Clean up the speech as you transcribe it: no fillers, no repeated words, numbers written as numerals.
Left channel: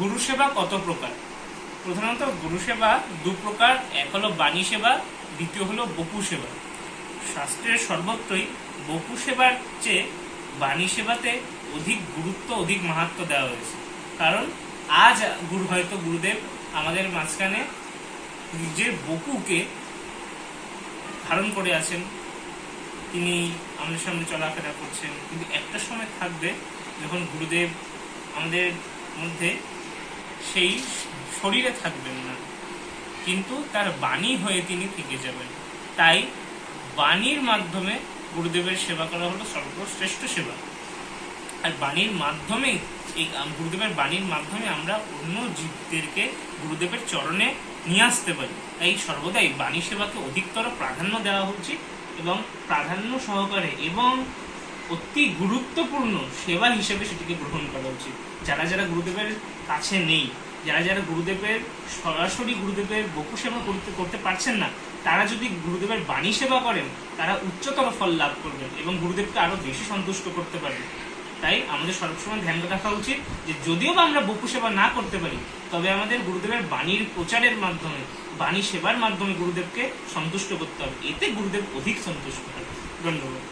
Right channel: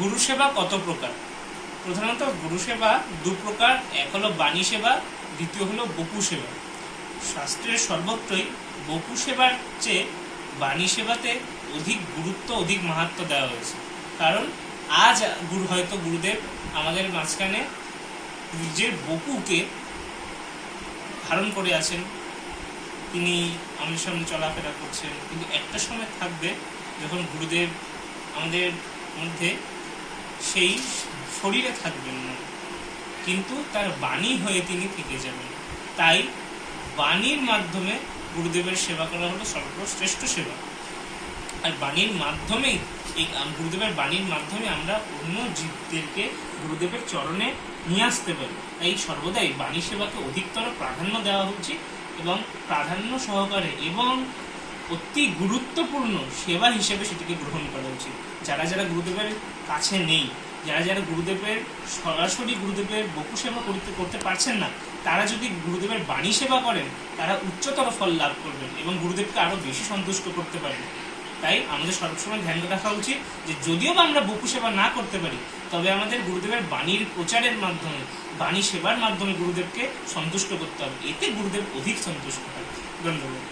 গুরু সেবা কত প্রকার? প্রধানত গুরু সেবা দু প্রকার, এক হলো বাণী সেবা, দ্বিতীয় হলো বপু সেবা। শাস্ত্রের সর্বত্রই বপু সেবার চেয়ে বাণী সেবাতে অধিক গুরুত্ব, অধিক মাহাত্ম্য দেওয়া হয়েছে। কারণ আজ হয়তো গুরুদেব আমাদের মাঝখানে নিজের বপুকে ধারণ করে আছেন, তিনি আমাদের সামনে চলাফেরা করছেন, কিন্তু একটা সময় থাকবে যখন গুরুদেব আমাদের মধ্যে সেই শরীরে থাকবেন না, কিন্তু তার বাণী হয়ে তিনি থেকে যাবেন। তাই বাণীর মাধ্যমে গুরুদেবের সেবা করা হলো সর্বশ্রেষ্ঠ সেবা। আর বাণীর মাধ্যমেই গুরুদেবের বাণীর মাধ্যমে আমরা অন্য জীবদেরকে গুরুদেবের চরণে নিয়ে আসতে পারি। তাই সর্বদাই বাণী সেবাকে অধিকতর প্রাধান্য দেওয়া উচিত এবং প্রাধান্য সহকারে এবং অতি গুরুত্বপূর্ণ সেবা হিসেবে সেটিকে গ্রহণ করা উচিত। যারা যারা গুরুদেবের কাছে নেই, যারা যারা গুরুদেবের সরাসরি গুরুদেবের বপু সেবা করতে পারছেন না, তারা যদি গুরুদেবের বাণী সেবা করেন, তারা উচ্চতর ফল লাভ করবেন এবং গুরুদেবকে আরো বেশি সন্তুষ্ট করতে পারবেন। তাই আমাদের সবসময় ধ্যান রাখা উচিত যে যদিও বা আমরা বপু সেবা না করতে পারি, তবে আমাদের গুরুদেবের বাণীর প্রচারের মাধ্যমে, বাণী সেবার মাধ্যমে গুরুদেবকে সন্তুষ্ট করতে হবে। এতে গুরুদেব অধিক সন্তুষ্ট হবে। ধন্যবাদ।